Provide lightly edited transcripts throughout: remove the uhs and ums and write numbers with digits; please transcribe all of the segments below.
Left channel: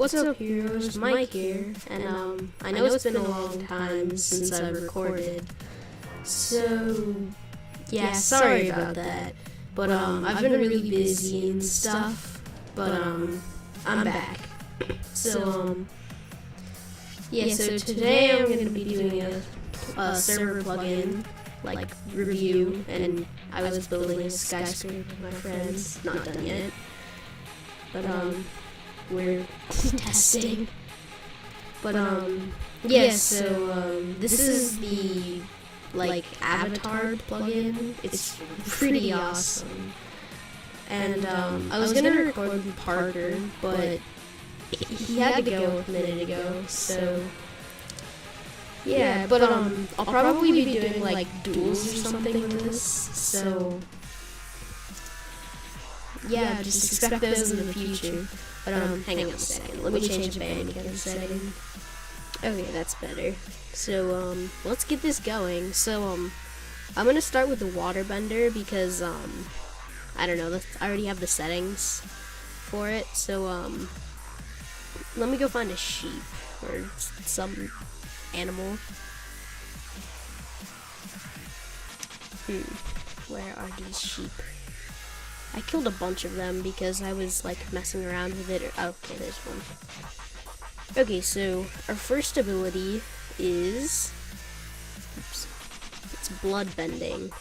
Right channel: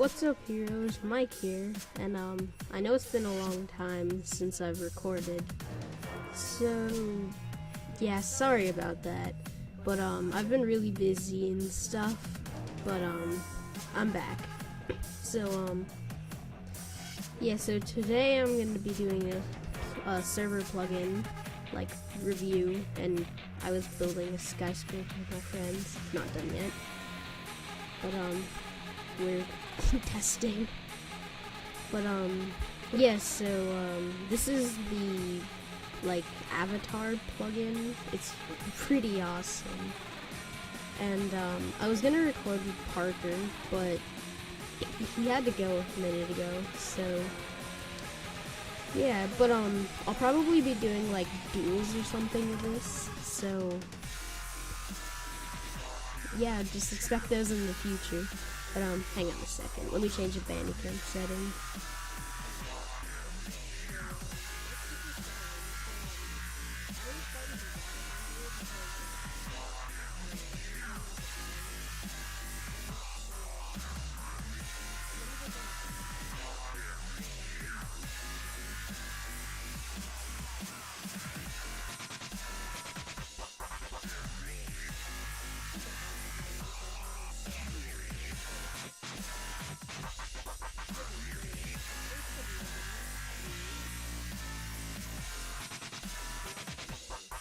What's up, heroes? Mike here, and I know it's been a long time since I've recorded, so yeah, sorry about that. But I've been really busy and stuff, but I'm back. So yeah, so today I'm gonna be doing a server plugin like review, and I was building a skyscraper with my friends. Not done yet, but we're testing. But yeah, so this is the like avatar plugin. It's pretty awesome. And I was gonna record with Parker, but he had to go a minute ago, so yeah, but I'll probably be doing like duels or something with this, so yeah, just expect those in the future. But hang on a second, let me change the banding setting. Okay, that's better. So let's get this going. So I'm gonna start with the waterbender because I don't know, I already have the settings for it. So let me go find a sheep or some animal. Where are these sheep? I killed a bunch of them because I was like messing around with it. Oh, there's one. Okay, so our first ability is it's blood bending.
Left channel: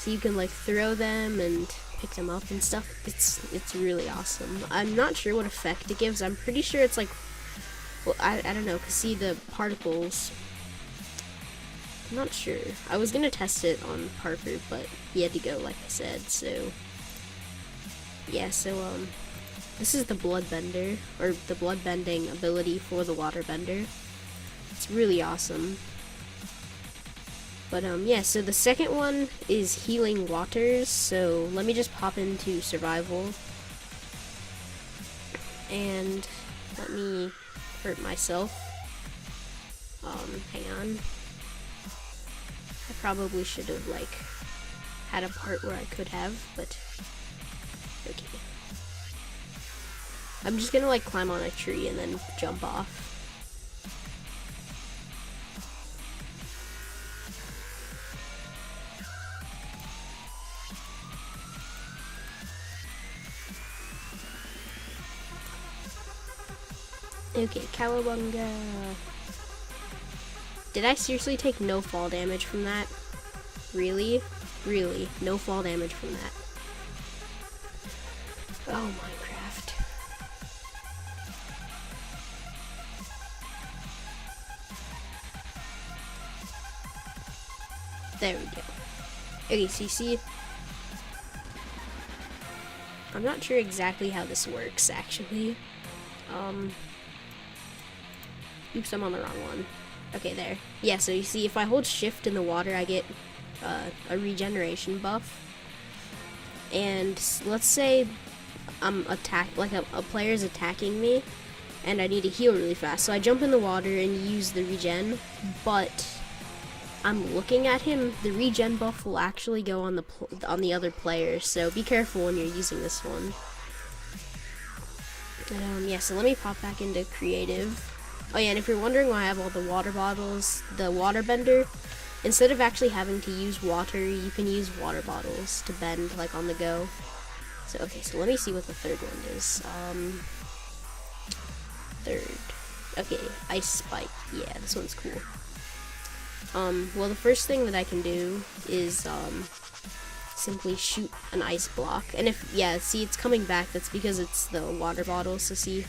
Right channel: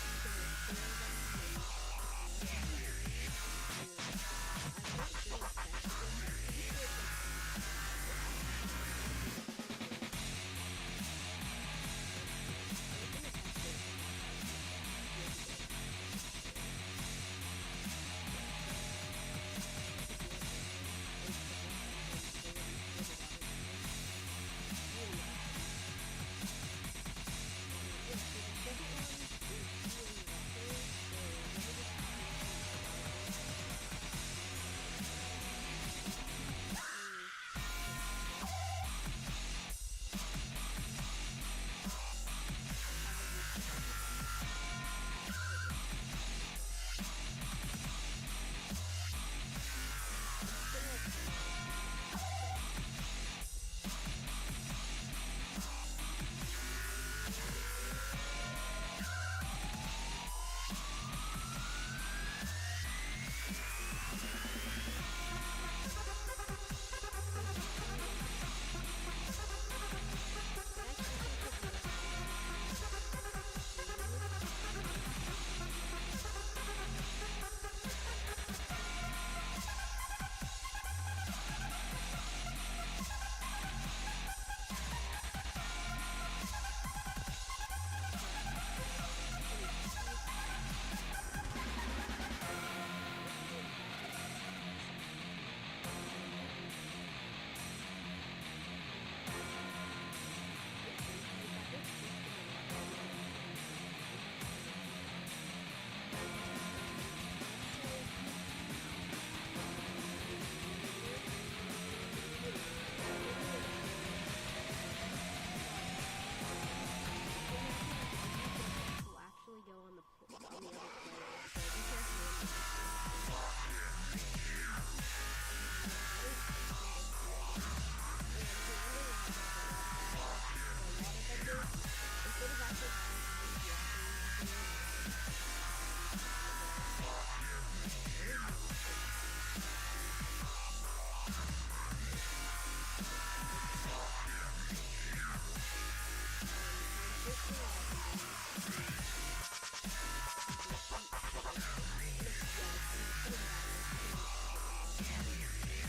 So you can like throw them and pick them up and stuff. It's really awesome. I'm not sure what effect it gives. I'm pretty sure it's like, well, I don't know. See the particles. I'm not sure. I was gonna test it on Parker, but he had to go, like I said. So yeah. So this is the blood bender, or the blood bending ability for the water bender. It's really awesome. But yeah. So the second one is healing waters. So let me just pop into survival, and let me hurt myself. Hang on. I probably should have like had a part where I could have, but okay. I'm just gonna like climb on a tree and then jump off. Okay, cowabunga. Did I seriously take no fall damage from that? Really? Really? No fall damage from that. Oh, Minecraft. There we go. Okay, so you see, I'm not sure exactly how this works, actually. Oops, I'm on the wrong one. Okay, there. Yeah, so you see, if I hold shift in the water, I get a regeneration buff. And let's say I'm a player's attacking me, and I need to heal really fast. So I jump in the water and use the regen, but I'm looking at him. The regen buff will actually go on the other player. So be careful when you're using this one. Yeah, so let me pop back into creative. Oh yeah, and if you're wondering why I have all the water bottles, the water bender, instead of actually having to use water, you can use water bottles to bend like on the go. So okay, so let me see what the third one is. Third. Okay, ice spike. Yeah, this one's cool. Well, the first thing that I can do is simply shoot an ice block. And if, yeah, see, it's coming back. That's because it's the water bottle. So see,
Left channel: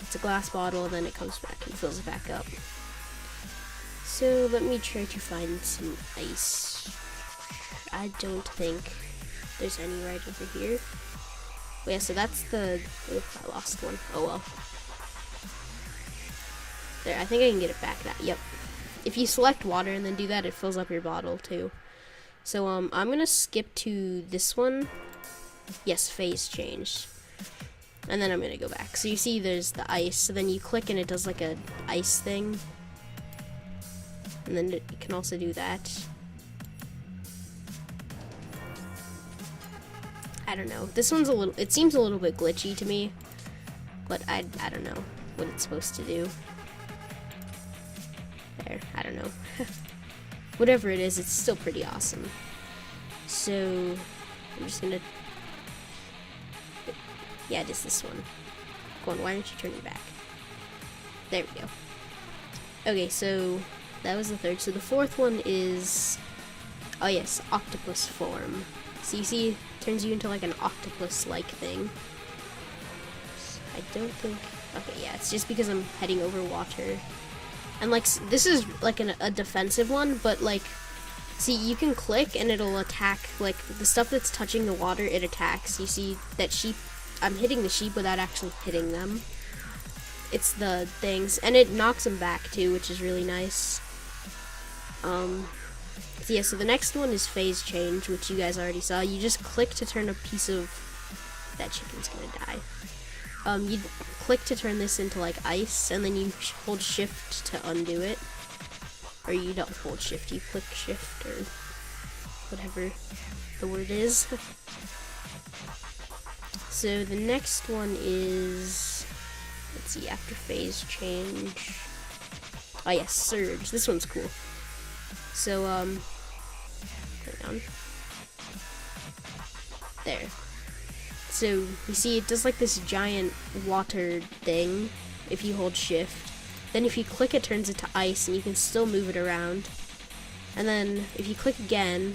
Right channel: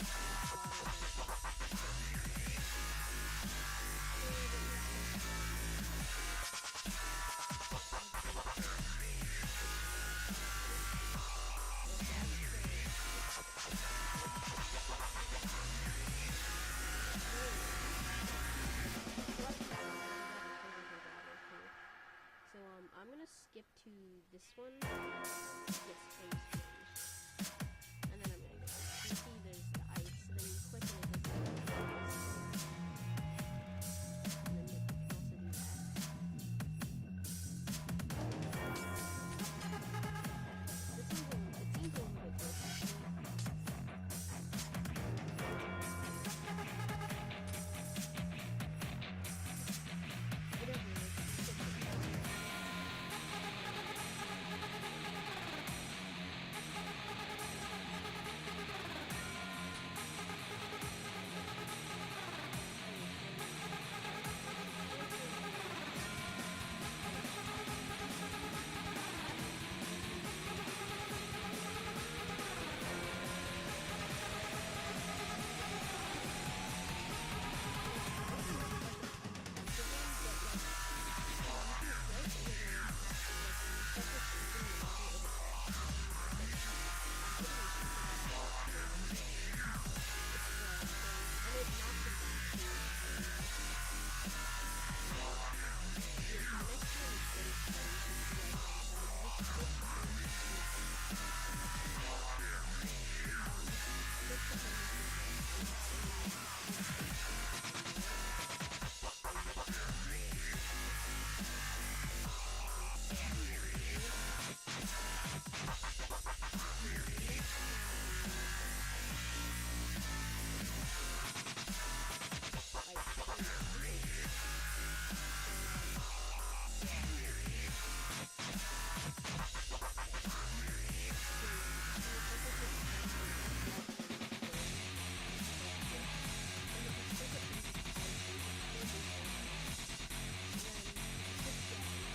it's a glass bottle, then it comes back and fills it back up. So let me try to find some ice. I don't think there's any right over here. Oh, yeah, so that's the, I lost one. Oh well. There, I think I can get it back now. Yep. If you select water and then do that, it fills up your bottle too. So I'm gonna skip to this one. Yes, phase change. And then I'm gonna go back. So you see there's the ice, so then you click and it does like a ice thing. And then it can also do that. I don't know. This one's it seems a little bit glitchy to me. but I don't know what it's supposed to do. There, I don't know. Whatever it is, it's still pretty awesome. So, I'm just gonna... Yeah, it is this one. Go on, why don't you turn it back? There we go. Okay, so that was the third. So the fourth one is... Oh yes, octopus form. So you see, it turns you into like an octopus-like thing. I don't think... Okay, yeah, it's just because I'm heading over water. And like, this is like a defensive one, but like, see, you can click and it'll attack, like, the stuff that's touching the water, it attacks. You see that sheep, I'm hitting the sheep without actually hitting them. It's the things, and it knocks them back too, which is really nice. Yeah, so the next one is phase change, which you guys already saw. You just click to turn a piece of... That chicken's gonna die. You click to turn this into like ice, and then you hold shift to undo it. Or you don't hold shift, you click shift, or whatever the word is. So the next one is... Let's see, after phase change... Oh yes, surge. This one's cool. So, hang on. There. So, you see, it does like this giant water thing if you hold shift. Then if you click, it turns it to ice, and you can still move it around. And then, if you click again,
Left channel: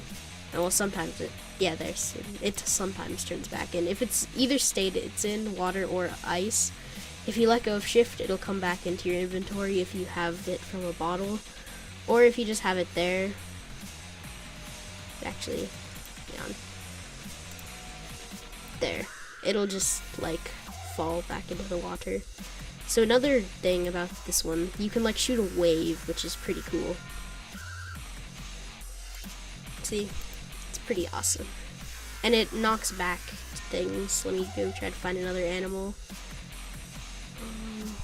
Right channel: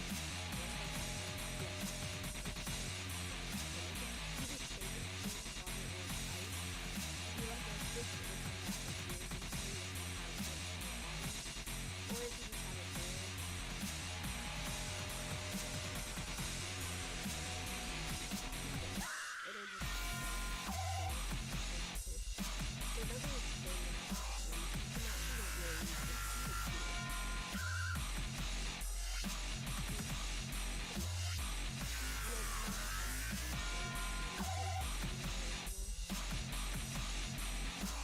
well, sometimes it sometimes turns back in. If it's either state it's in, water or ice, if you let go of shift, it'll come back into your inventory if you have it from a bottle. Or if you just have it there. Actually, hang on. There. It'll just, like, fall back into the water. So another thing about this one, you can, like, shoot a wave, which is pretty cool. See? It's pretty awesome. And it knocks back things. Let me go try to find another animal.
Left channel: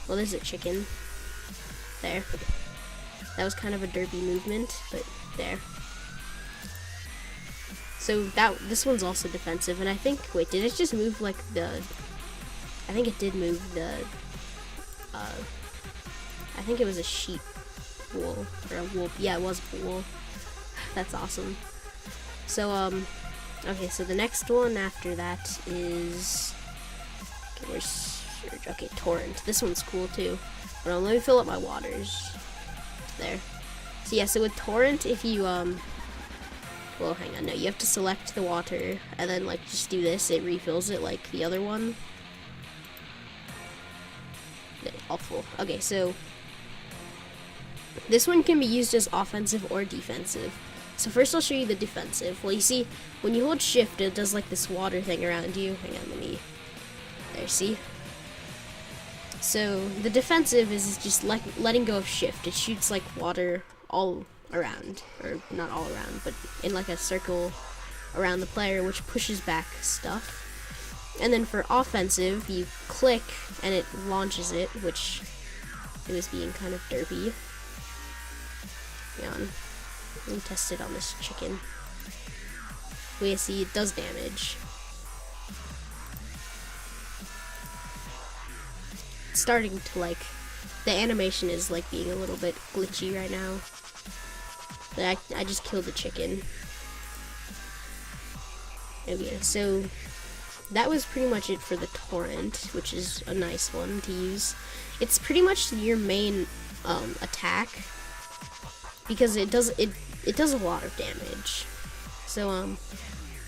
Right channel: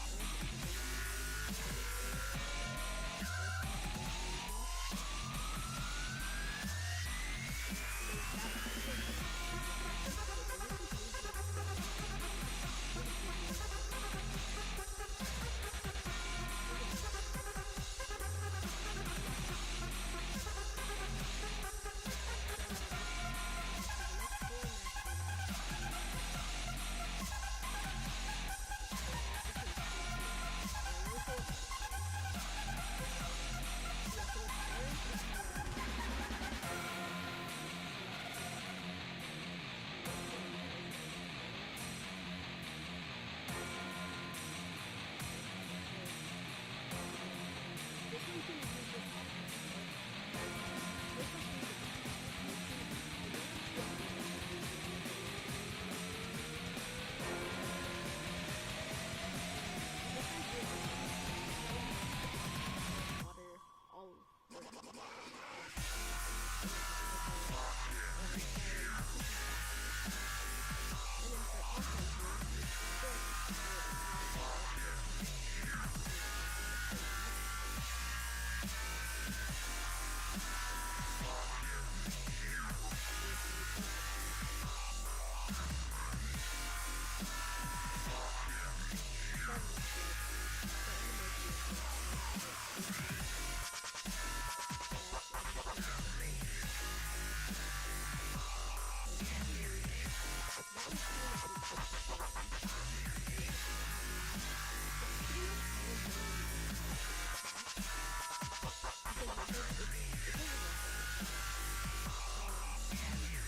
Well, there's a chicken. There. That was kind of a derpy movement, but there. So this one's also defensive, and I think, wait, did it just move like the, I think it did move the, I think it was a sheep wool, or a wolf, yeah, it was wool. That's awesome. So, okay, so the next one after that is, okay, there's surge, okay, torrent. This one's cool too. Hold on, let me fill up my waters. There. So yeah, so with torrent, if you, well, hang on, no, you have to select the water, and then, like, just do this, it refills it like the other one. Awful. Okay, so, this one can be used as offensive or defensive. So first I'll show you the defensive. Well, you see, when you hold shift, it does, like, this water thing around you. Hang on, let me, there, see? So, the defensive is just letting go of shift. It shoots, like, water all around, or not all around, but in, like, a circle around the player, which pushes back stuff. And then for offensive, you click, and it launches it, which it was being kind of derpy. Let me test it on this chicken. We see it does damage. Starting to, like, the animation is, like, being a little bit glitchy right now. But I just killed the chicken. Okay, so that was pretty much it for the torrent, which is a nice one to use. It's pretty much your main attack, because it does a lot of damage. So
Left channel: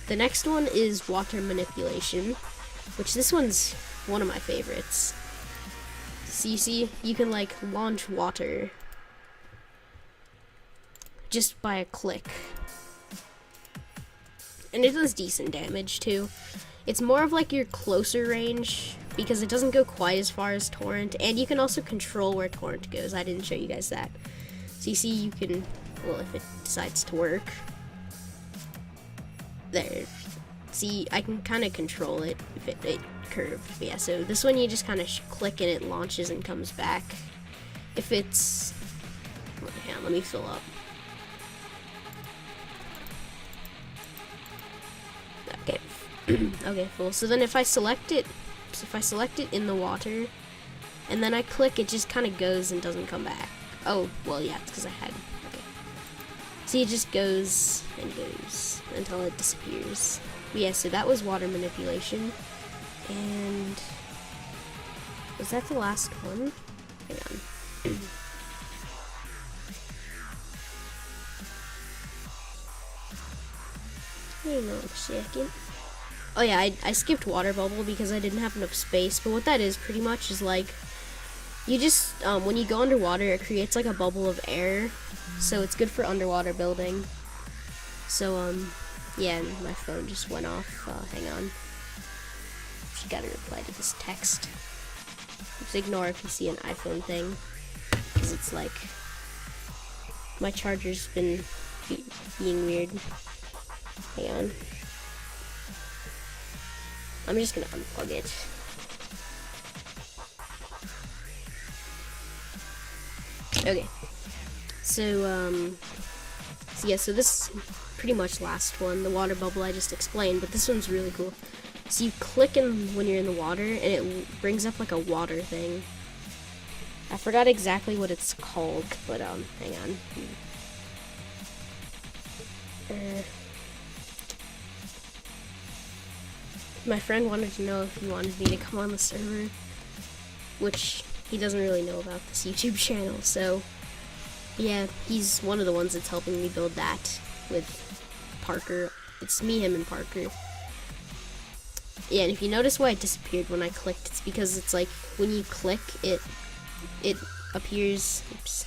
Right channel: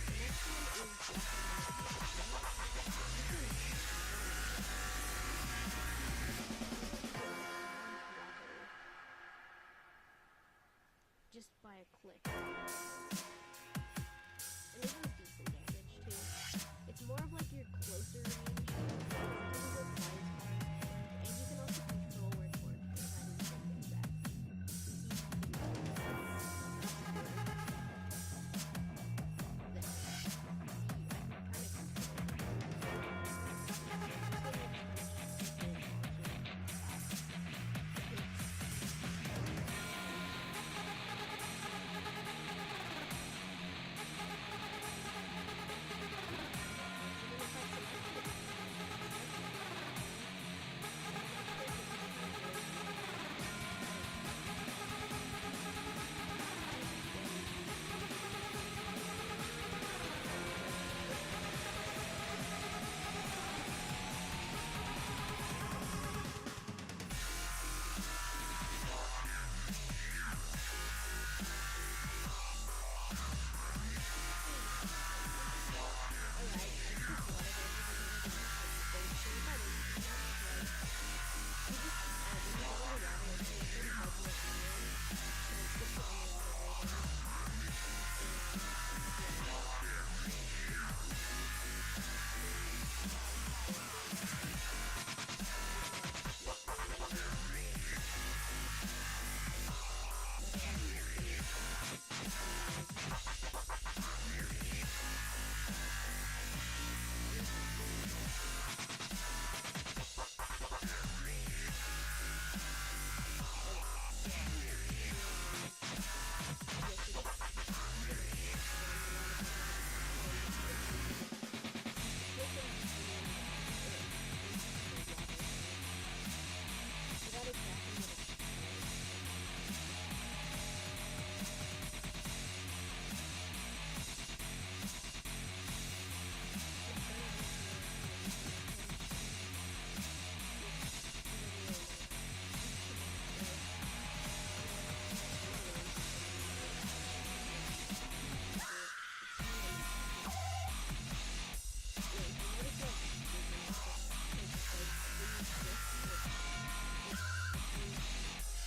the next one is water manipulation, which this one's one of my favorites. So you see, you can, like, launch water just by a click. And it does decent damage too. It's more of like your closer range, because it doesn't go quite as far as torrent, and you can also control where torrent goes. I didn't show you guys that. So you see, you can, well, if it decides to work, there. See, I can kind of control it if it curves. But yeah, so this one you just kind of click and it launches and comes back. If it's, okay, let me fill up. Okay. Okay, cool. So then if I select it So if I select it in the water, and then I click, it just kind of goes and doesn't come back. Oh, well, yeah, it's because I had. Okay. See, it just goes and goes until it disappears. But yeah, so that was water manipulation. And was that the last one? Hang on. Hang on a second. Oh yeah, I skipped water bubble because I didn't have enough space, but what that is pretty much is like, you just, when you go underwater, it creates like a bubble of air, so it's good for underwater building. So, yeah, my phone just went off. Hang on. Just gotta reply to this text. Just ignore if you see an iPhone thing, because it's like, my charger's been being weird. Hang on. I'm just gonna unplug it. Okay. So this pretty much last one, the water bubble I just explained, but this one's really cool. So you click in when you're in the water, and it brings up like a water thing. I forgot exactly what it's called, but hang on. My friend wanted to know if he wanted me to come on the server, which he doesn't really know about this YouTube channel, so yeah, he's one of the ones that's helping me build that with Parker. It's me, him, and Parker. Yeah, and if you notice why it disappeared when I clicked, it's because it's like, when you click, it appears, oops,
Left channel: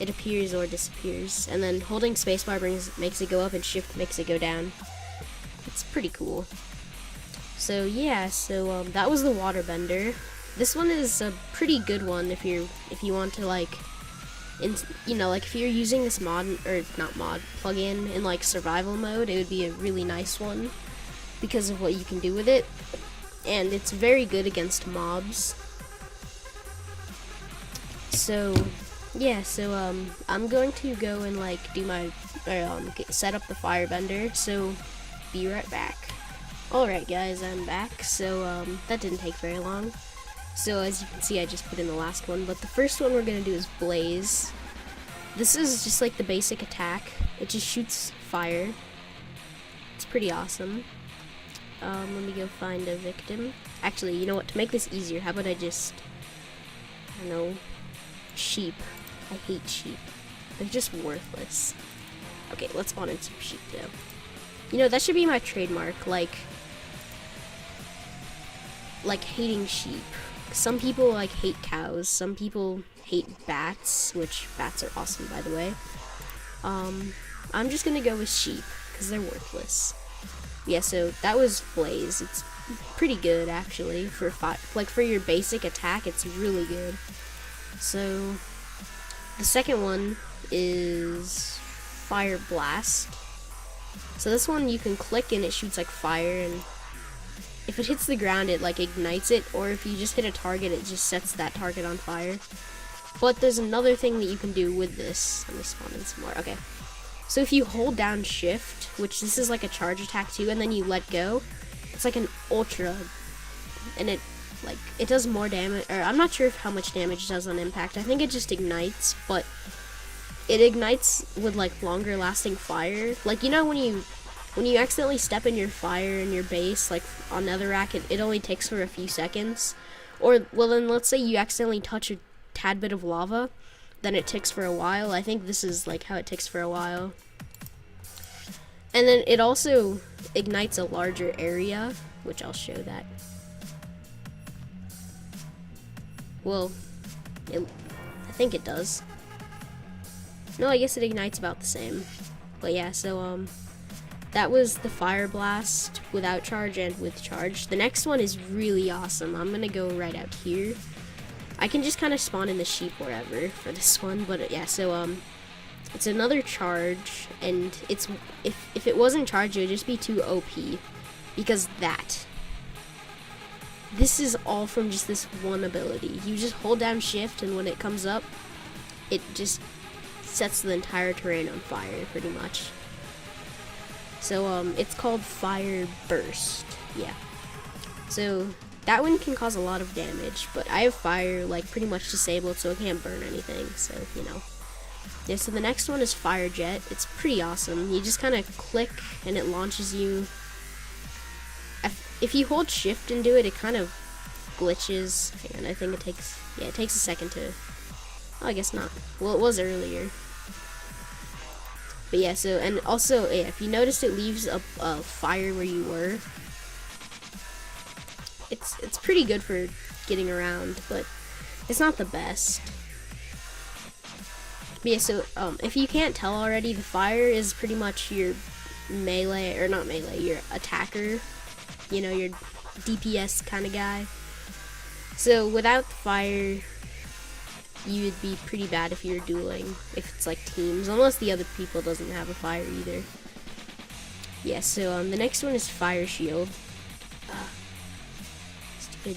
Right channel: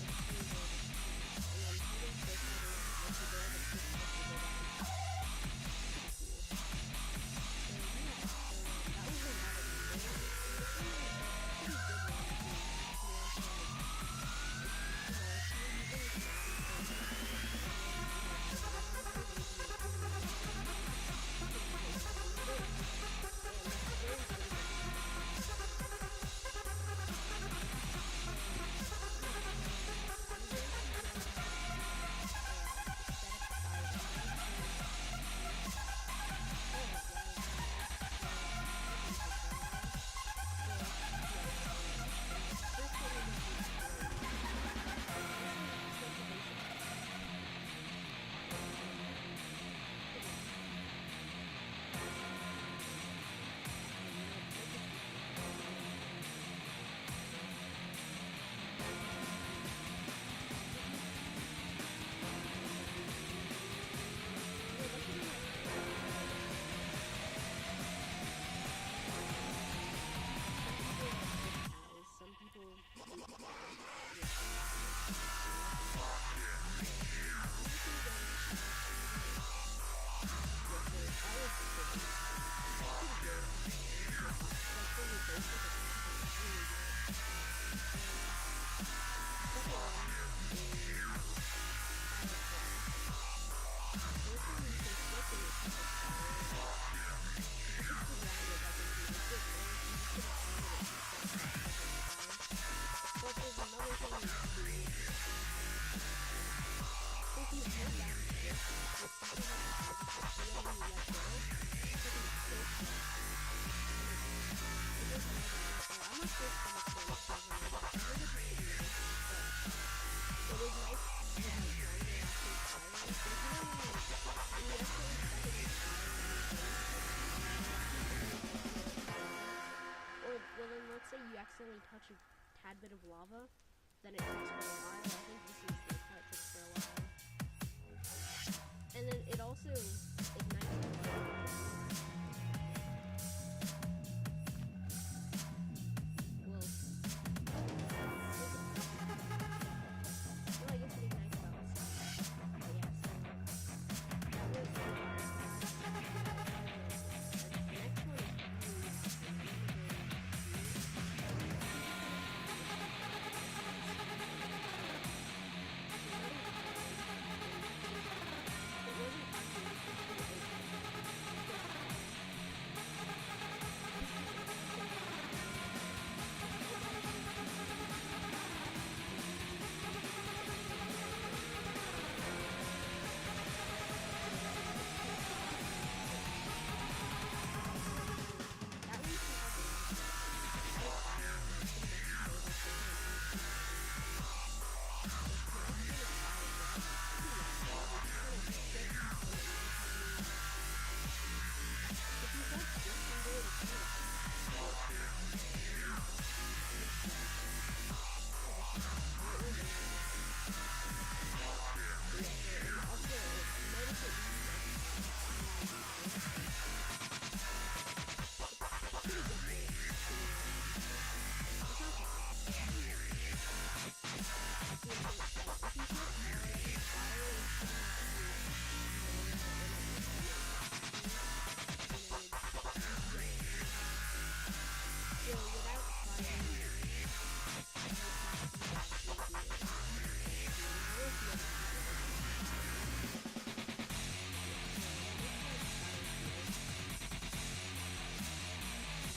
it appears or disappears, and then holding spacebar makes it go up, and shift makes it go down. It's pretty cool. So yeah, that was the water bender. This one is a pretty good one if you want to like, like if you're using this mod, or not mod, plugin in like survival mode, it would be a really nice one because of what you can do with it, and it's very good against mobs. So yeah, I'm going to go and like do my set up the firebender. So be right back. Alright guys, I'm back. So that didn't take very long. So as you can see, I just put in the last one, but the first one we're gonna do is Blaze. This is just like the basic attack. It just shoots fire. It's pretty awesome. Let me go find a victim. Actually, you know what? To make this easier, how about I just, I don't know, sheep. I hate sheep. They're just worthless. Okay, let's spawn in some sheep though. You know, that should be my trademark, like hating sheep. Some people like hate cows, some people hate bats, which bats are awesome by the way. I'm just gonna go with sheep, because they're worthless. Yeah, so that was Blaze. It's pretty good actually, for your basic attack, it's really good. So, the second one is Fire Blast. So this one you can click and it shoots like fire, and if it hits the ground it like ignites it, or if you just hit a target it just sets that target on fire. But there's another thing that you can do with this. Let me spawn in some more. Okay. So if you hold down shift, which this is like a charge attack too, and then you let go, it's like an ultra, and it does more damage, or I'm not sure how much damage it does on impact. I think it just ignites, but it ignites with like longer lasting fire. Like, you know when you accidentally step in your fire in your base, like on Netherrack, it only takes for a few seconds. Or, well then let's say you accidentally touch a tad bit of lava, then it ticks for a while. I think this is like how it ticks for a while. And then it also ignites a larger area, which I'll show that. Well, I think it does. No, I guess it ignites about the same. But yeah, so that was the Fire Blast without charge and with charge. The next one is really awesome. I'm gonna go right out here. I can just kind of spawn in the sheep wherever for this one, but yeah, so it's another charge, and it's if it wasn't charged, it would just be too OP, because this is all from just this one ability. You just hold down shift, and when it comes up, it just sets the entire terrain on fire, pretty much. So it's called Fire Burst. Yeah. So that one can cause a lot of damage, but I have fire like pretty much disabled, so it can't burn anything, so you know. Yeah, so the next one is Fire Jet. It's pretty awesome. You just kind of click and it launches you. If you hold shift and do it, it kind of glitches, and I think it takes a second to, oh, I guess not. Well, it was earlier. But yeah, so, and also, yeah, if you notice, it leaves a fire where you were. It's pretty good for getting around, but it's not the best. But yeah, so, if you can't tell already, the fire is pretty much your melee, or not melee, your attacker, you know, your DPS kind of guy. So without the fire, you would be pretty bad if you're dueling, if it's like teams, unless the other people doesn't have a fire either. Yeah, so the next one is Fire Shield. Okay,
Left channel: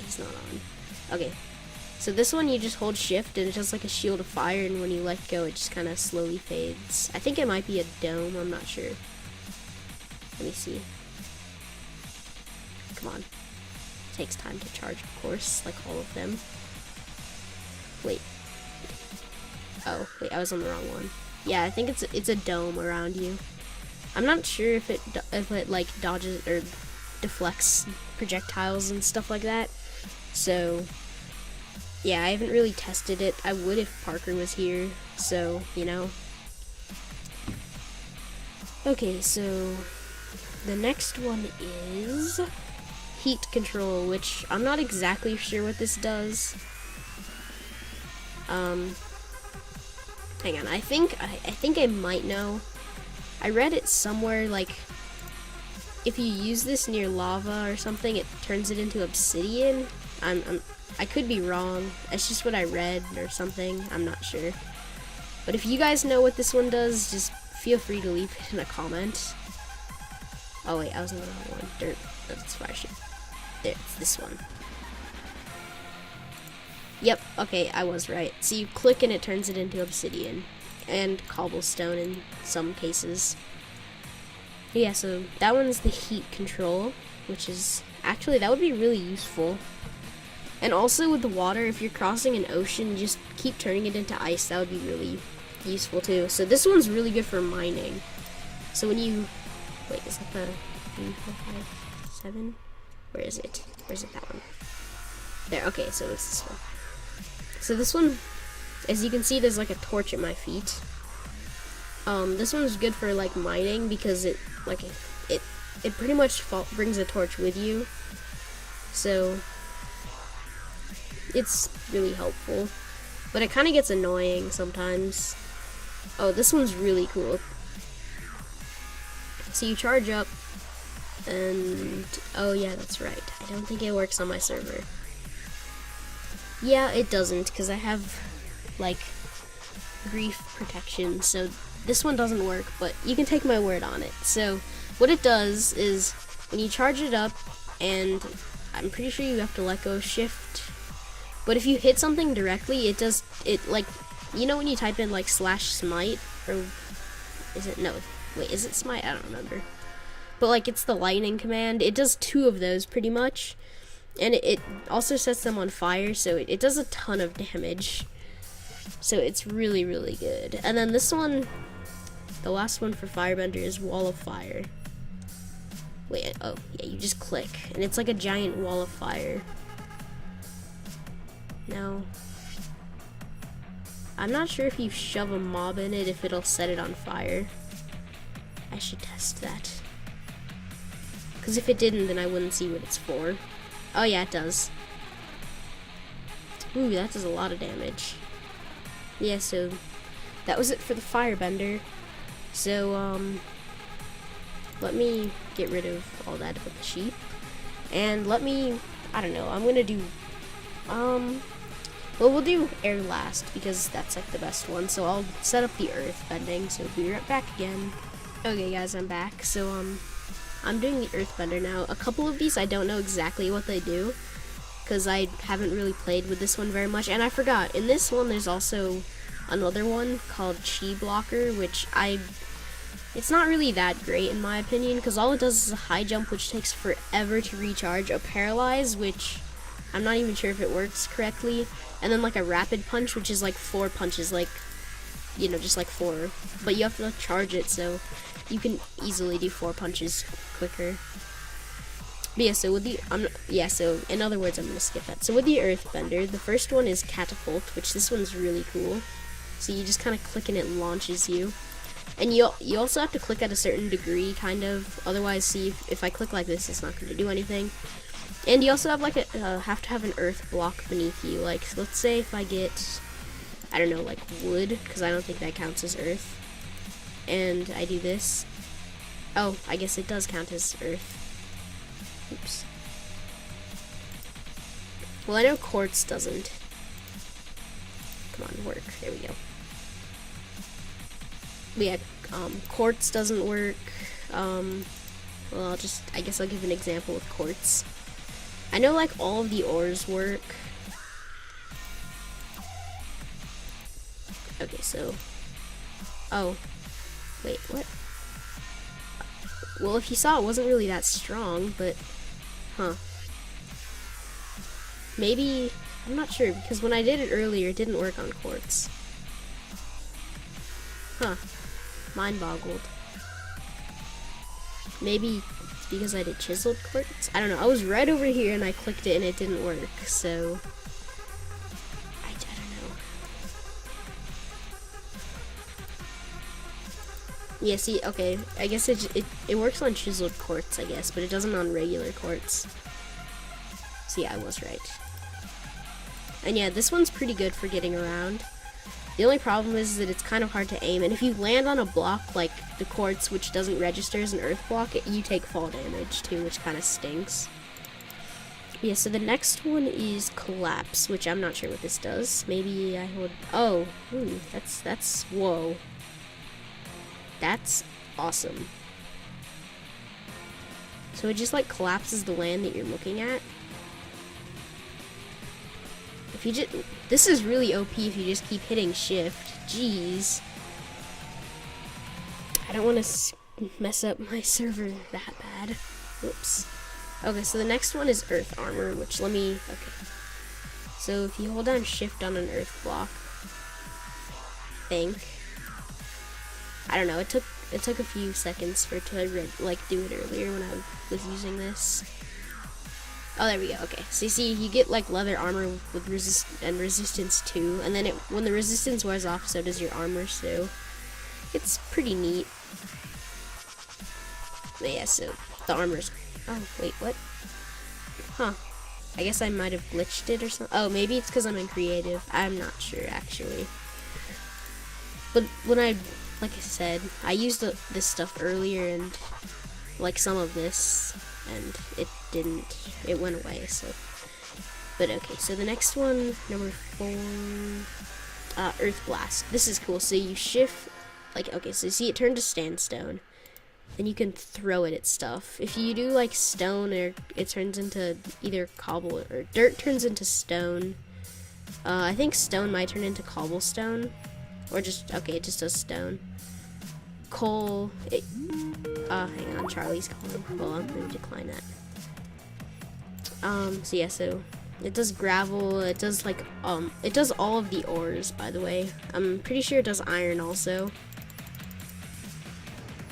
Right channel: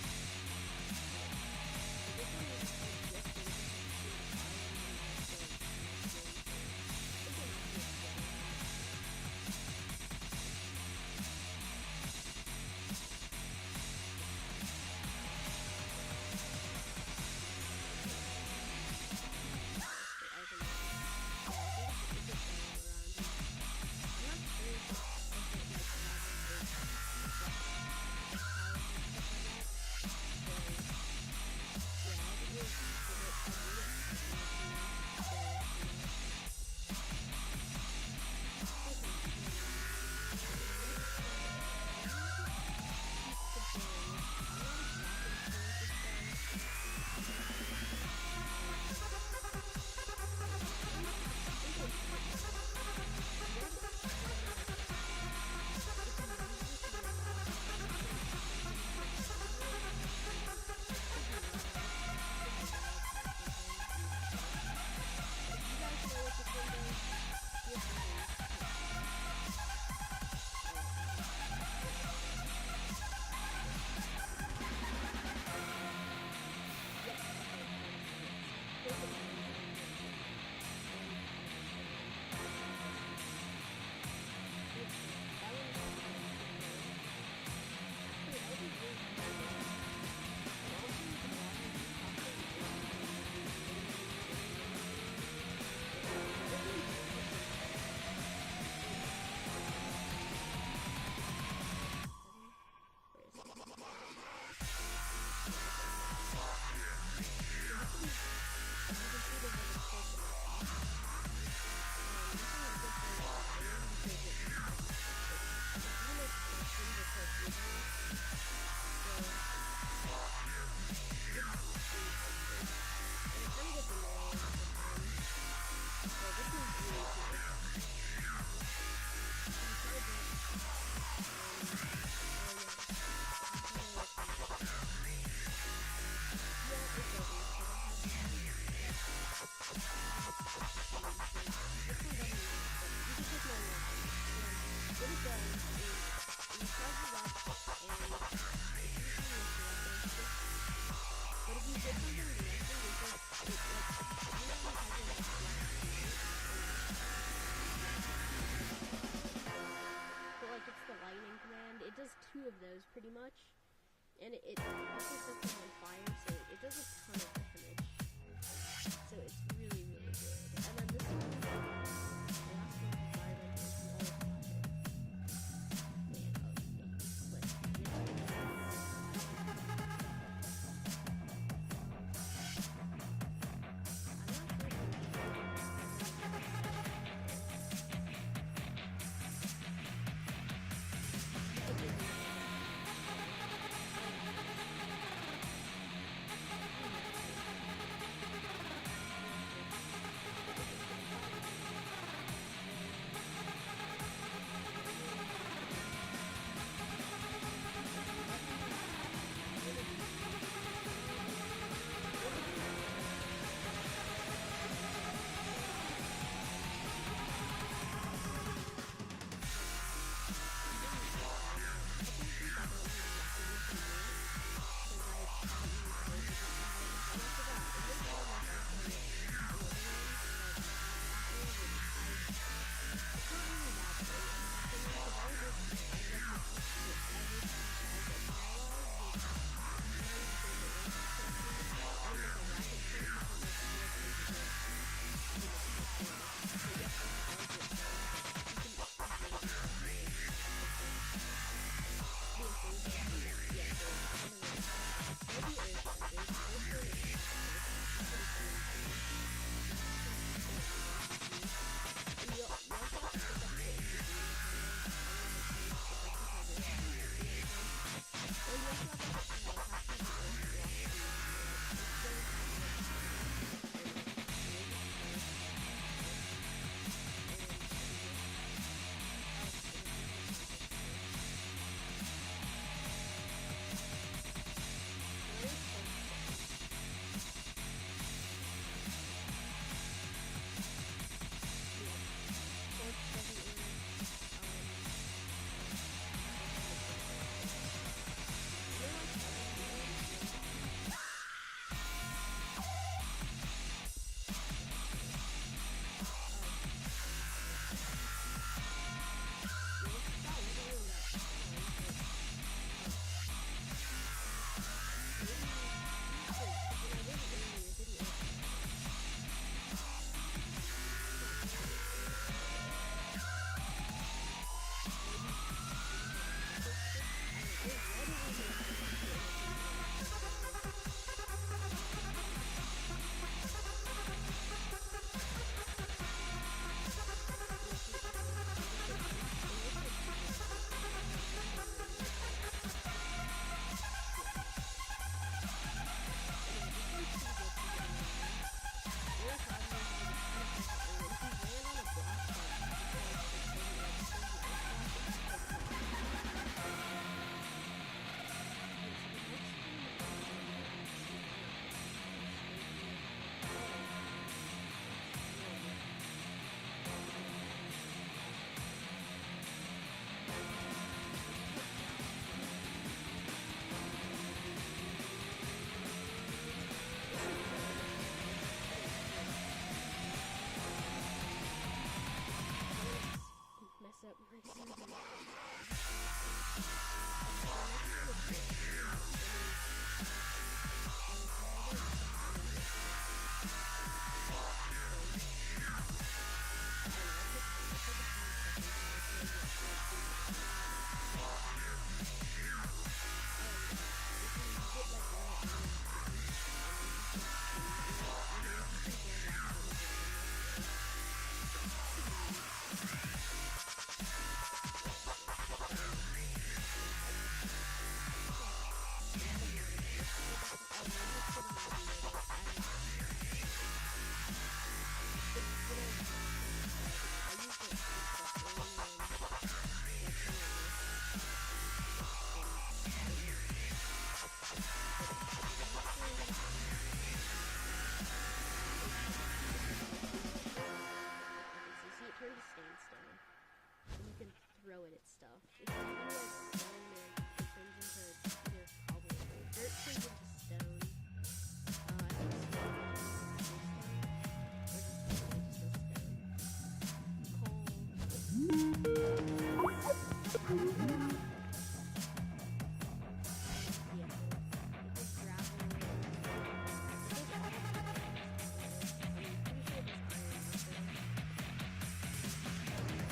it's not on. Okay, so this one you just hold shift and it's just like a shield of fire, and when you let go it just kind of slowly fades. I think it might be a dome, I'm not sure. Let me see. Come on. Takes time to charge, of course, like all of them. Wait. Oh, wait, I was on the wrong one. Yeah, I think it's a dome around you. I'm not sure if it like dodges or deflects projectiles and stuff like that. So, yeah, I haven't really tested it. I would if Parker was here, so, you know. Okay, so the next one is Heat Control, which I'm not exactly sure what this does. Hang on, I think I might know. I read it somewhere, like, if you use this near lava or something, it turns it into obsidian. I could be wrong. It's just what I read or something. I'm not sure. But if you guys know what this one does, just feel free to leave it in a comment. Oh wait, I was on the wrong one. Dirt. That's fire shit. There, it's this one. Yep, okay, I was right. So you click and it turns it into obsidian. And cobblestone in some cases. But yeah, so that one's the heat control, which is, actually, that would be really useful. And also with the water, if you're crossing an ocean, just keep turning it into ice. That would be really useful too. So this one's really good for mining. So when you, wait, is it the 7? Where is it? Where's it, that one? There, okay, so it's this one. So this one, as you can see, there's like a torch at my feet. This one's good for like mining because it pretty much brings a torch with you. So it's really helpful, but it kind of gets annoying sometimes. Oh, this one's really cool. So you charge up, and oh yeah, that's right. I don't think it works on my server. Yeah, it doesn't, because I have like grief protection, so this one doesn't work, but you can take my word on it. So what it does is when you charge it up, and I'm pretty sure you have to let go shift, but if you hit something directly, it does it, like, you know when you type in like /smite, or is it, no, wait, is it smite? I don't remember. But like, it's the lightning command. It does 2 of those pretty much, and it also sets them on fire, so it does a ton of damage. So it's really, really good. And then this one, the last one for Firebender, is Wall of Fire. Wait, oh yeah, you just click, and it's like a giant wall of fire. No, I'm not sure if you shove a mob in it, if it'll set it on fire. I should test that, because if it didn't, then I wouldn't see what it's for. Oh yeah, it does. Ooh, that does a lot of damage. Yeah, so that was it for the Firebender. So, let me get rid of all that for the sheep. And let me, I don't know, I'm gonna do, well, we'll do air last, because that's like the best one. So I'll set up the earth bending, so be right back again. Okay guys, I'm back. So, I'm doing the earth bender now. A couple of these, I don't know exactly what they do, because I haven't really played with this one very much. And I forgot, in this one there's also another one called Chi Blocker, which I It's not really that great in my opinion, because all it does is a high jump, which takes forever to recharge, a paralyze, which I'm not even sure if it works correctly, and then like a rapid punch, which is like 4 punches, like, you know, just like 4, but you have to charge it, so you can easily do 4 punches quicker. But yeah, so with the, so in other words, I'm gonna skip that. So with the Earthbender, the first one is Catapult, which this one's really cool. So you just kind of click and it launches you. And you also have to click at a certain degree, kind of. Otherwise, see, if I click like this, it's not going to do anything. And you also have like have to have an earth block beneath you. Like, let's say if I get, I don't know, like wood, because I don't think that counts as earth. And I do this. Oh, I guess it does count as earth. Oops. Well, I know quartz doesn't. Come on, work. There we go. But yeah, quartz doesn't work. Well, I guess I'll give an example of quartz. I know like all of the ores work. Okay, so, oh, wait, what? Well, if you saw, it wasn't really that strong, but, huh. Maybe, I'm not sure, because when I did it earlier, it didn't work on quartz. Huh. Mind boggled. Maybe because I did chiseled quartz? I don't know. I was right over here and I clicked it and it didn't work, so I don't know. Yeah, see, okay. I guess it works on chiseled quartz, I guess, but it doesn't on regular quartz. So yeah, I was right. And yeah, this one's pretty good for getting around. The only problem is that it's kind of hard to aim, and if you land on a block like the quartz, which doesn't register as an earth block, you take fall damage too, which kind of stinks. Yeah, so the next one is Collapse, which I'm not sure what this does. Maybe I would, oh, that's, whoa. That's awesome. So it just like collapses the land that you're looking at. If you just, this is really OP if you just keep hitting shift. Jeez. I don't want to mess up my server that bad. Oops. Okay, so the next one is Earth Armor, which okay. So if you hold down shift on an earth block thing, I don't know, it took a few seconds for it to like do it earlier when I was using this. Oh, there we go. Okay, so you see, you get like leather armor with resistance 2, and then when the resistance wears off, so does your armor. So it's pretty neat. But yeah, so the armor's. Oh wait, what? Huh? I guess I might have glitched it or something. Oh, maybe it's because I'm in creative. I'm not sure actually. But when like I said, I used this stuff earlier and like some of this, and it went away, so. But okay, so the next one, number 4, Earth Blast. This is cool, so you shift, like, okay, so see it turned to sandstone, then you can throw it at stuff. If you do like stone, or it turns into either cobble, or dirt turns into stone. I think stone might turn into cobblestone, or just, okay, it just does stone. Coal, hang on, Charlie's calling. Well, I'm going to decline that. So yeah, so it does gravel, it does like, it does all of the ores, by the way. I'm pretty sure it does iron also.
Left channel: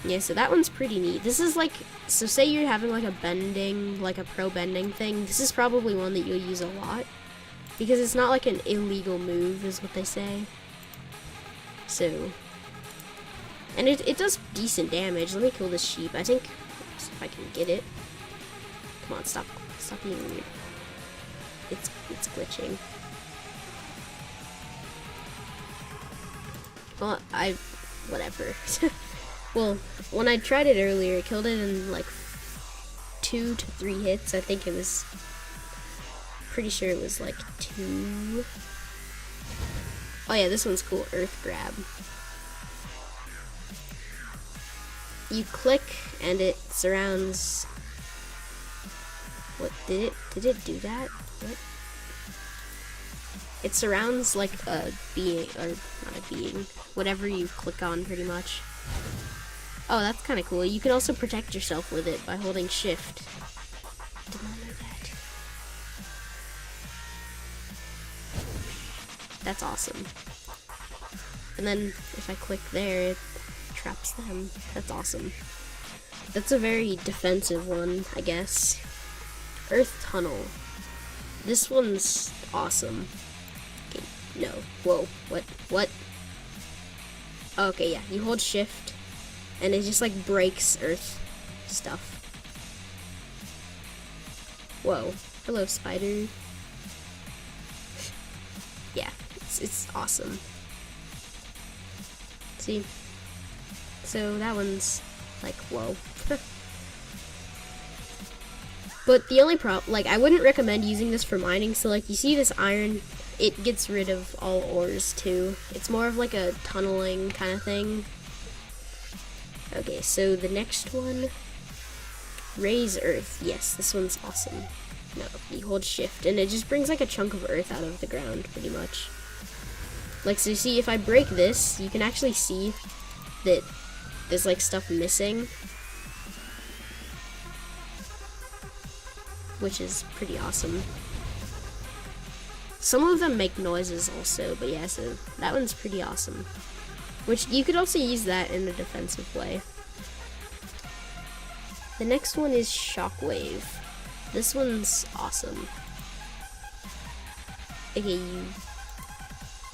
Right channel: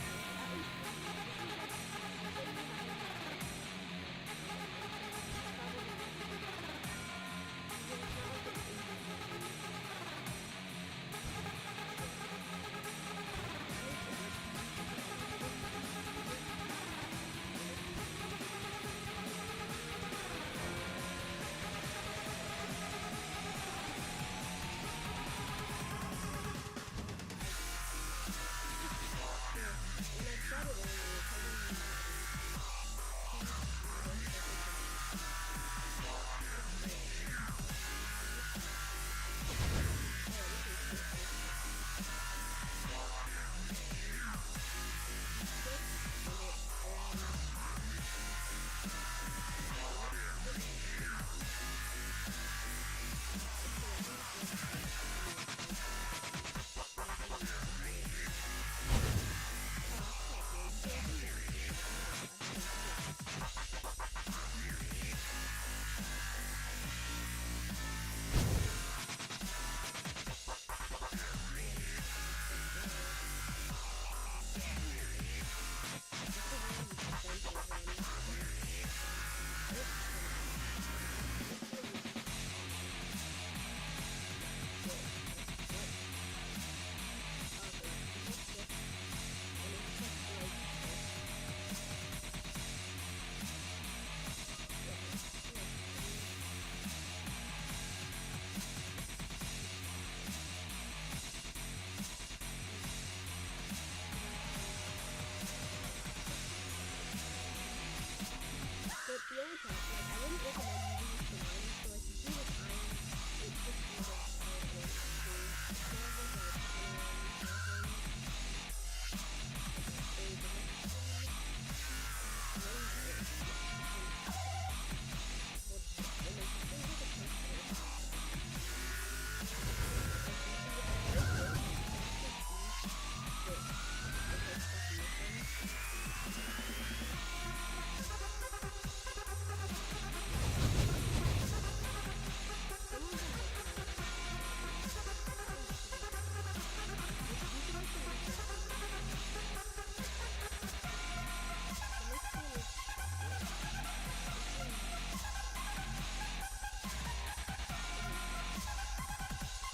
Yeah, so that one's pretty neat. This is like, so say you're having like a bending, like a pro bending thing, this is probably one that you'll use a lot, because it's not like an illegal move, is what they say. So, and it does decent damage. Let me kill this sheep. I think, see if I can get it. Come on, stop being weird. It's glitching. Well, whatever. Well, when I tried it earlier, I killed it in like 2 to 3 hits. I think it was, pretty sure it was like 2. Oh yeah, this one's cool, Earth Grab. You click and it surrounds. What did it do that? What? It surrounds like a being, or not a being, whatever you click on, pretty much. Oh, that's kind of cool. You can also protect yourself with it by holding shift. That's awesome. And then if I click there, it traps them. That's awesome. That's a very defensive one, I guess. Earth Tunnel. This one's awesome. Okay, no. Whoa. What? Okay, yeah. You hold shift, and it just, like, breaks Earth stuff. Whoa. Hello, spider. Yeah. It's awesome. See? So that one's like, whoa. But the only problem, like, I wouldn't recommend using this for mining. So, like, you see this iron, it gets rid of all ores too. It's more of like a tunneling kind of thing. Okay, so the next one, raise earth. Yes, this one's awesome. No, you hold shift, and it just brings like a chunk of earth out of the ground, pretty much. Like, so you see, if I break this, you can actually see that there's like stuff missing, which is pretty awesome. Some of them make noises also, but yeah, so that one's pretty awesome. Which you could also use that in a defensive way. The next one is Shockwave. This one's awesome.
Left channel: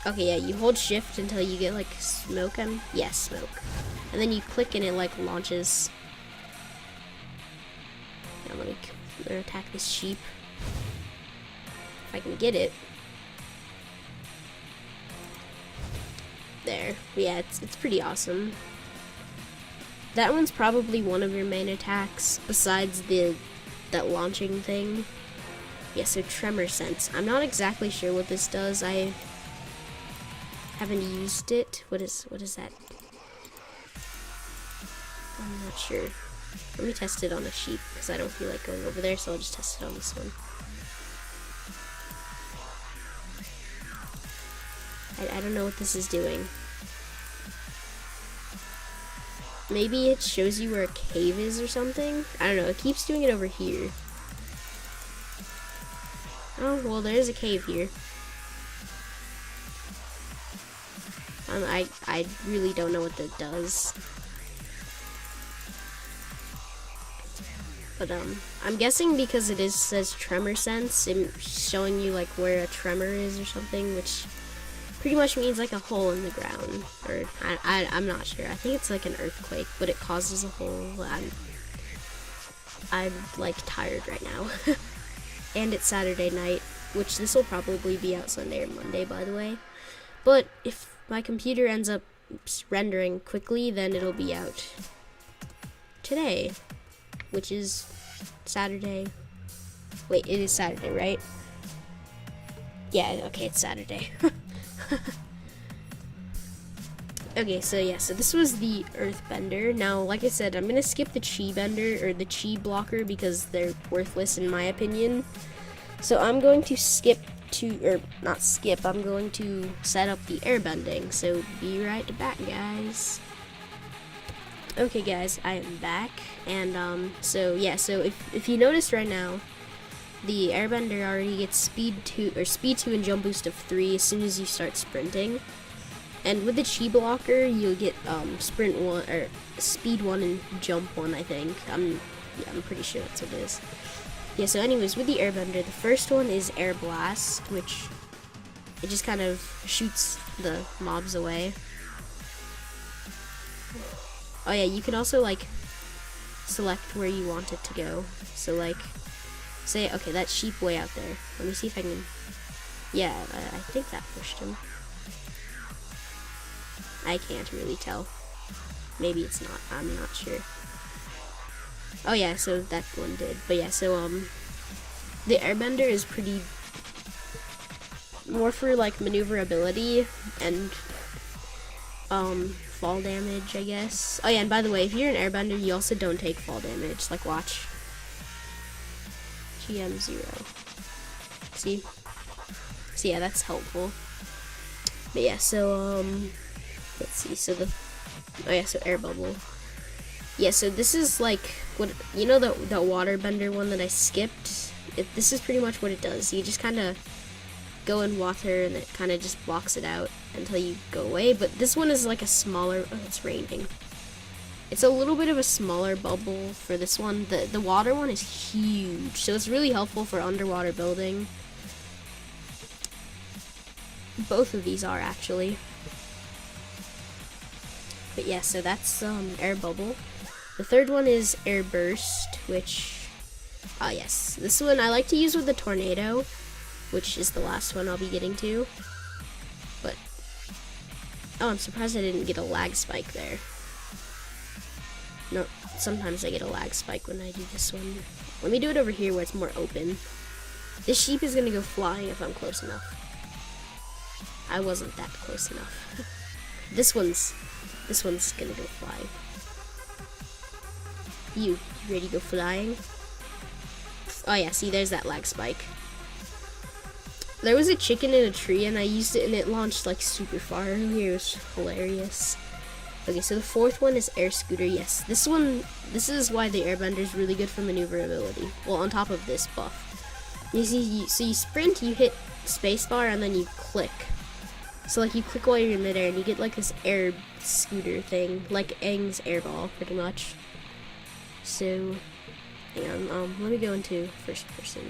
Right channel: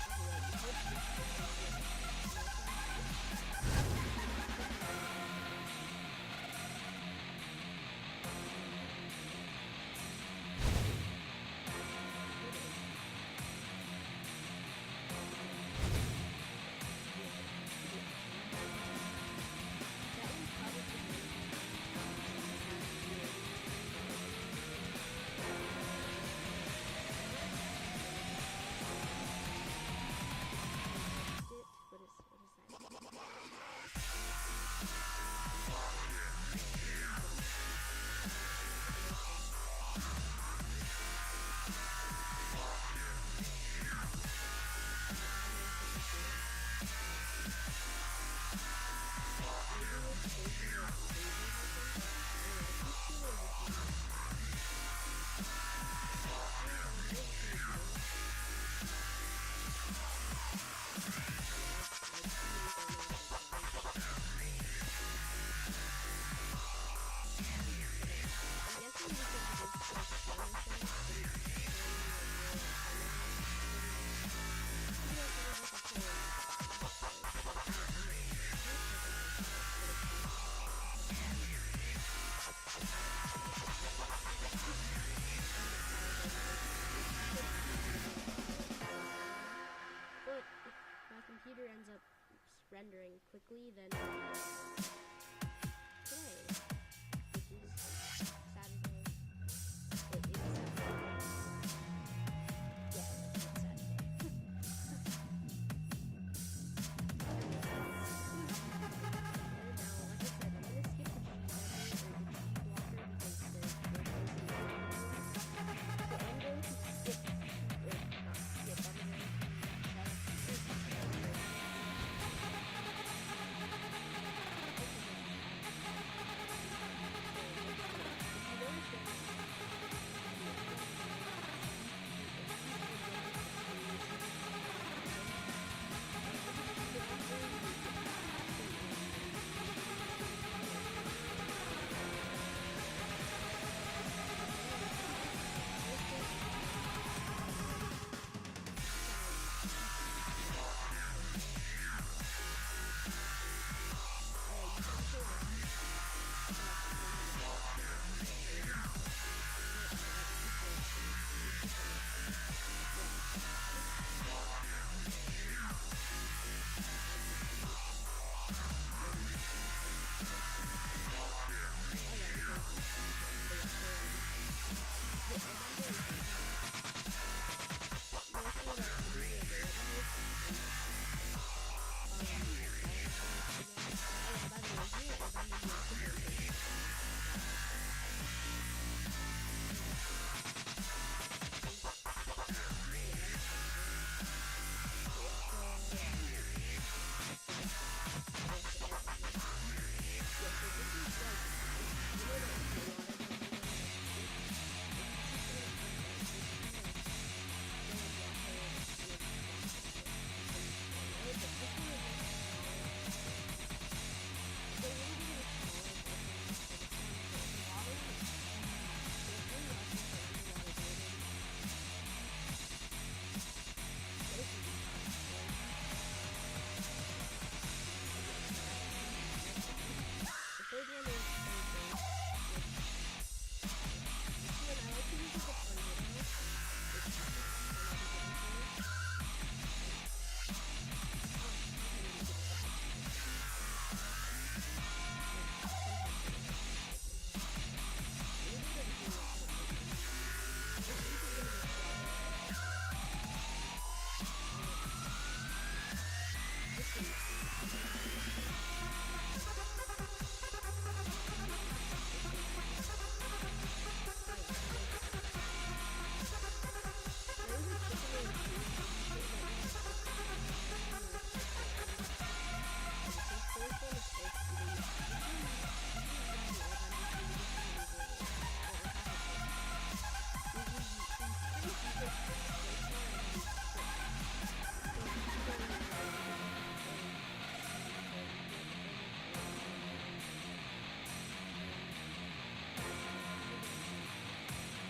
Okay, yeah, you hold shift until you get like smoke and smoke. And then you click and it like launches. I'm gonna attack this sheep. If I can get it. There. Yeah, it's pretty awesome. That one's probably one of your main attacks besides that launching thing. Yeah, so Tremor Sense. I'm not exactly sure what this does. I haven't used it. What is that? I'm not sure. Let me test it on a sheep because I don't feel like going over there, so I'll just test it on this one. I don't know what this is doing. Maybe it shows you where a cave is or something? I don't know. It keeps doing it over here. Oh, well, there's a cave here. I really don't know what that does. But, I'm guessing because it says Tremor Sense, it's showing you, like, where a tremor is or something, which pretty much means, like, a hole in the ground. Or, I'm not sure. I think it's, like, an earthquake, but it causes a hole. I'm like, tired right now. And it's Saturday night, which this will probably be out Sunday or Monday, by the way. But if my computer ends up rendering quickly, then it'll be out today, which is Saturday. Wait, it is Saturday, right? Yeah, okay, it's Saturday. Okay, so yeah, so this was the Earthbender. Now, like I said, I'm gonna skip the Chi Bender, or the Chi Blocker, because they're worthless in my opinion. So I'm going to I'm going to set up the airbending. So be right back, guys. Okay, guys, I am back, and so yeah, so if you notice right now, the airbender already gets speed 2 and jump boost of 3 as soon as you start sprinting. And with the Chi Blocker, you'll get sprint 1 or speed 1 and jump 1, I think. I'm pretty sure that's what it is. Yeah, so anyways, with the airbender, the first one is Air Blast, which it just kind of shoots the mobs away. Oh yeah, you can also like select where you want it to go. So like, say, okay, that sheep way out there. Let me see if I can, yeah, I think that pushed him. I can't really tell. Maybe it's not, I'm not sure. Oh yeah, so that one did. But yeah, so the airbender is pretty more for like maneuverability and fall damage, I guess. Oh yeah, and by the way, if you're an airbender, you also don't take fall damage. Like, watch. GM0. See? So yeah, that's helpful. But yeah, so let's see. So so air bubble. Yeah, so this is like what, you know, the waterbender one that I skipped. This is pretty much what it does. You just kind of go in water and it kind of just blocks it out until you go away. But this one is like a smaller. Oh, it's raining. It's a little bit of a smaller bubble for this one. The water one is huge, so it's really helpful for underwater building. Both of these are actually. But yeah, so that's air bubble. The third one is air burst, which yes, this one I like to use with the tornado, which is the last one I'll be getting to. But oh, I'm surprised I didn't get a lag spike there. No, sometimes I get a lag spike when I do this one. Let me do it over here where it's more open. This sheep is gonna go flying if I'm close enough. I wasn't that close enough. This one's gonna go flying. You ready to go flying? Oh yeah, see, there's that lag spike. There was a chicken in a tree and I used it and it launched like super far. It was hilarious. Okay, so the fourth one is air scooter. Yes, this is why the airbender is really good for maneuverability. Well, on top of this buff. You see, so you sprint, you hit spacebar, and then you click. So like you click while you're in midair and you get like this air scooter thing, like Aang's airball, pretty much. So, yeah, let me go into first person.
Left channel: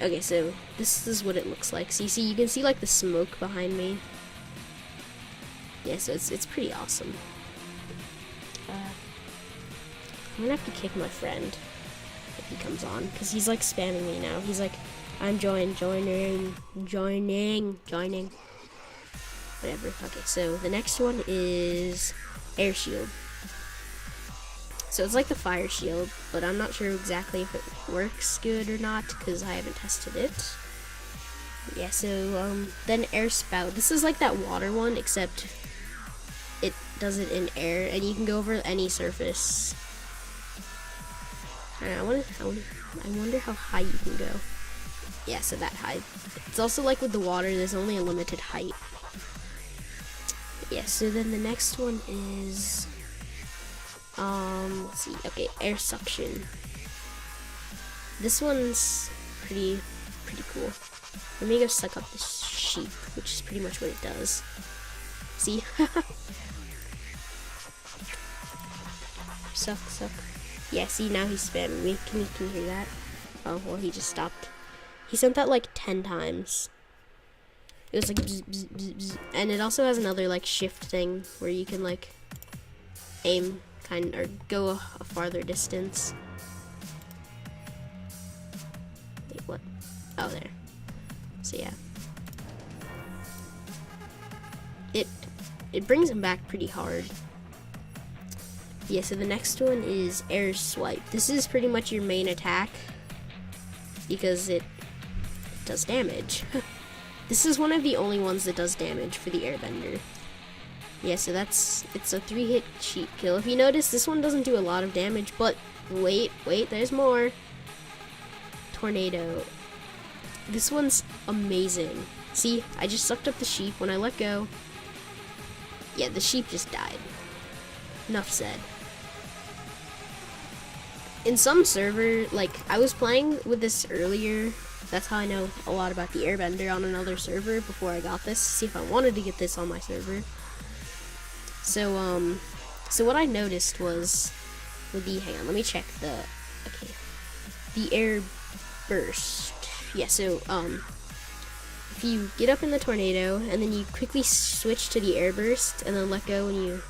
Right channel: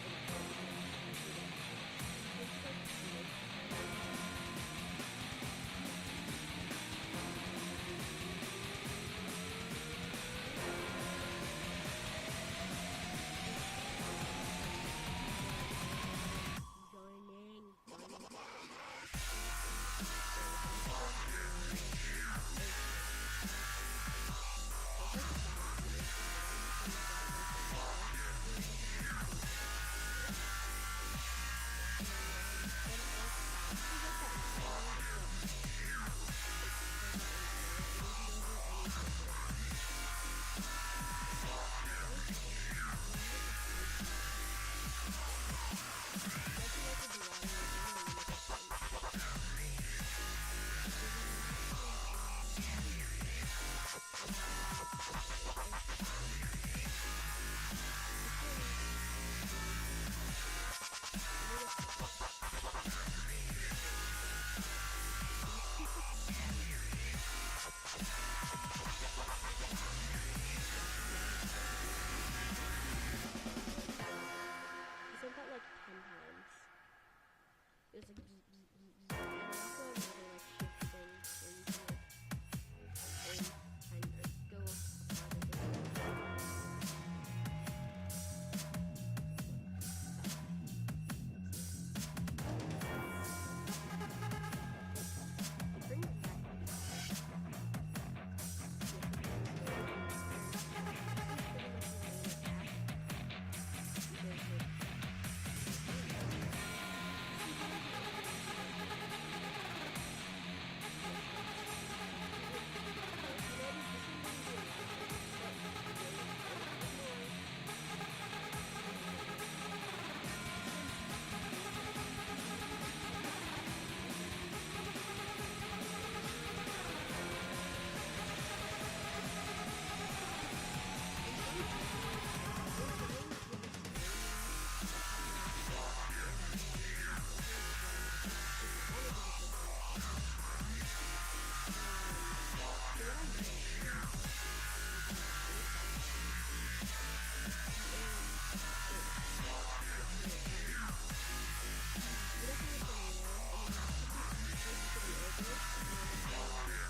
Okay, so this is what it looks like. So you can see like the smoke behind me. Yeah, so it's pretty awesome. I'm gonna have to kick my friend if he comes on, because he's like spamming me now. He's like, I'm joining. Whatever. Okay, so the next one is air shield. So it's like the fire shield, but I'm not sure exactly if it works good or not, because I haven't tested it. Yeah, so then air spout. This is like that water one, except it does it in air, and you can go over any surface. I wonder how high you can go. Yeah, so that high. It's also like with the water, there's only a limited height. Yeah, so then the next one is let's see. Okay, air suction. This one's pretty cool. Let me go suck up the sheep, which is pretty much what it does. See? Suck. Yeah, see, now he's spamming me. Can you hear that? Oh, well, he just stopped. He sent that like 10 times. It was like bzz, bzz, bzz, bzz. And it also has another like shift thing where you can like aim or go a farther distance. Wait, what? Oh, there. So yeah. It brings him back pretty hard. Yeah, so the next one is air swipe. This is pretty much your main attack because it does damage. This is one of the only ones that does damage for the airbender. Yeah, so it's a 3-hit cheat kill. If you notice, this one doesn't do a lot of damage, but wait, there's more. Tornado. This one's amazing. See, I just sucked up the sheep. When I let go, yeah, the sheep just died. Enough said. In some server, like, I was playing with this earlier. That's how I know a lot about the airbender on another server before I got this, to see if I wanted to get this on my server. So what I noticed was with the, hang on, let me check the air burst. Yeah, so, if you get up in the tornado, and then you quickly switch to the air burst, and then let go, and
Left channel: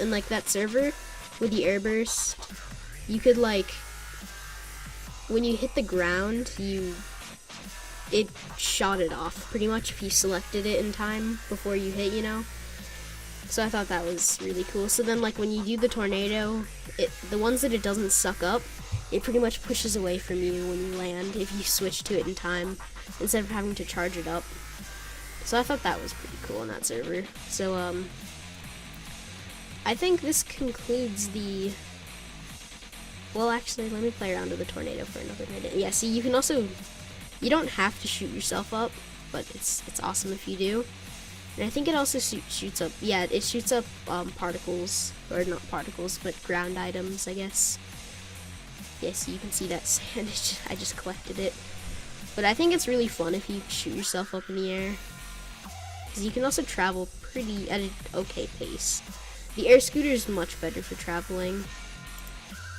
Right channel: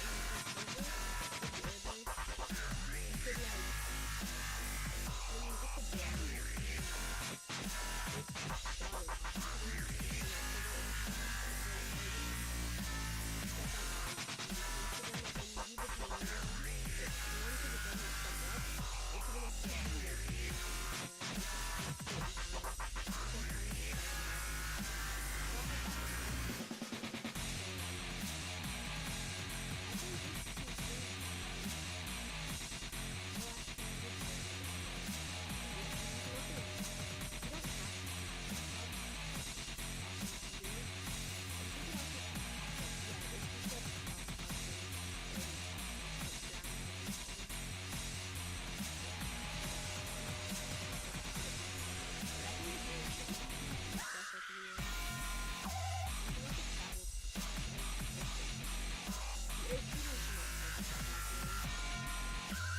in like that server, with the air burst, you could like, when you hit the ground, it shot it off, pretty much, if you selected it in time before you hit, you know? So I thought that was really cool. So then, like, when you do the tornado, the ones that it doesn't suck up, it pretty much pushes away from you when you land if you switch to it in time, instead of having to charge it up. So I thought that was pretty cool on that server. So, I think this concludes the... Well, actually, let me play around with the tornado for another minute. Yeah, see, you can also... You don't have to shoot yourself up, but it's awesome if you do. And I think it also shoots up, yeah, it shoots up particles, or not particles, but ground items, I guess. Yes, you can see that sand, I just collected it. But I think it's really fun if you shoot yourself up in the air, because you can also travel pretty at an okay pace. The air scooter is much better for traveling,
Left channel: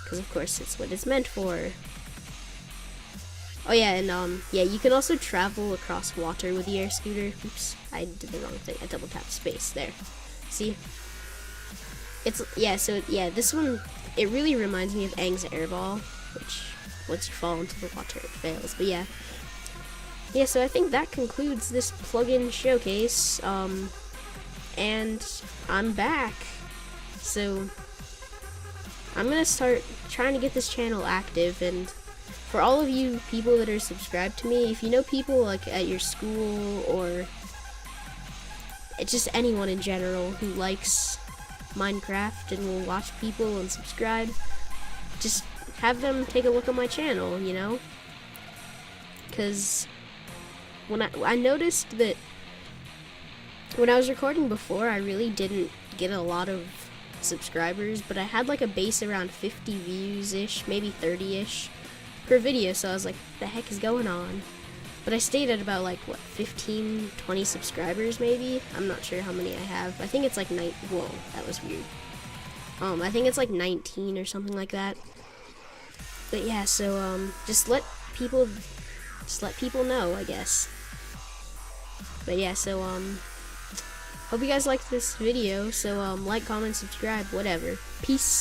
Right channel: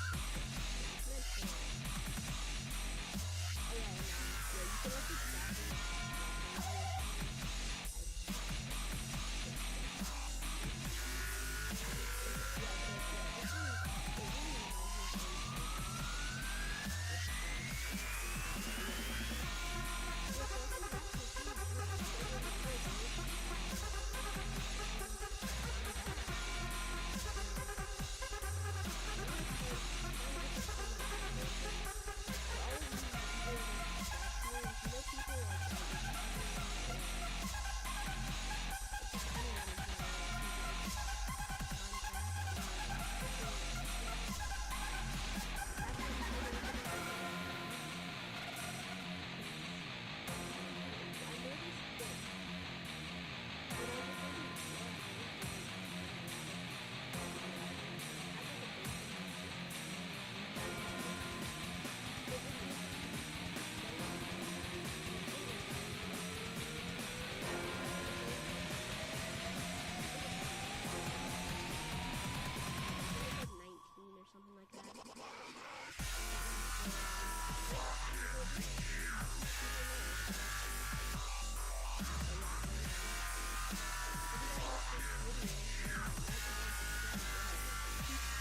because of course it's what it's meant for. Oh yeah, and yeah, you can also travel across water with the air scooter. Oops, I did the wrong thing. I double tapped space there. See? It's, yeah, so yeah, this one, it really reminds me of Aang's airball, which once you fall into the water it fails. But yeah. Yeah, so I think that concludes this plugin showcase. And I'm back. So I'm gonna start trying to get this channel active, and for all of you people that are subscribed to me, if you know people like at your school or it's just anyone in general who likes Minecraft and will watch people and subscribe, just have them take a look at my channel, you know? Because when I noticed that when I was recording before, I really didn't get a lot of subscribers, but I had like a base around 50 views-ish, maybe 30-ish per video, so I was like, what the heck is going on? But I stayed at about like, what, 15, 20 subscribers maybe? I'm not sure how many I have. I think it's like whoa, that was weird. I think it's like 19 or something like that. But yeah, so just let people know, I guess. But yeah, so hope you guys liked this video. So like, comment, subscribe, whatever. Peace.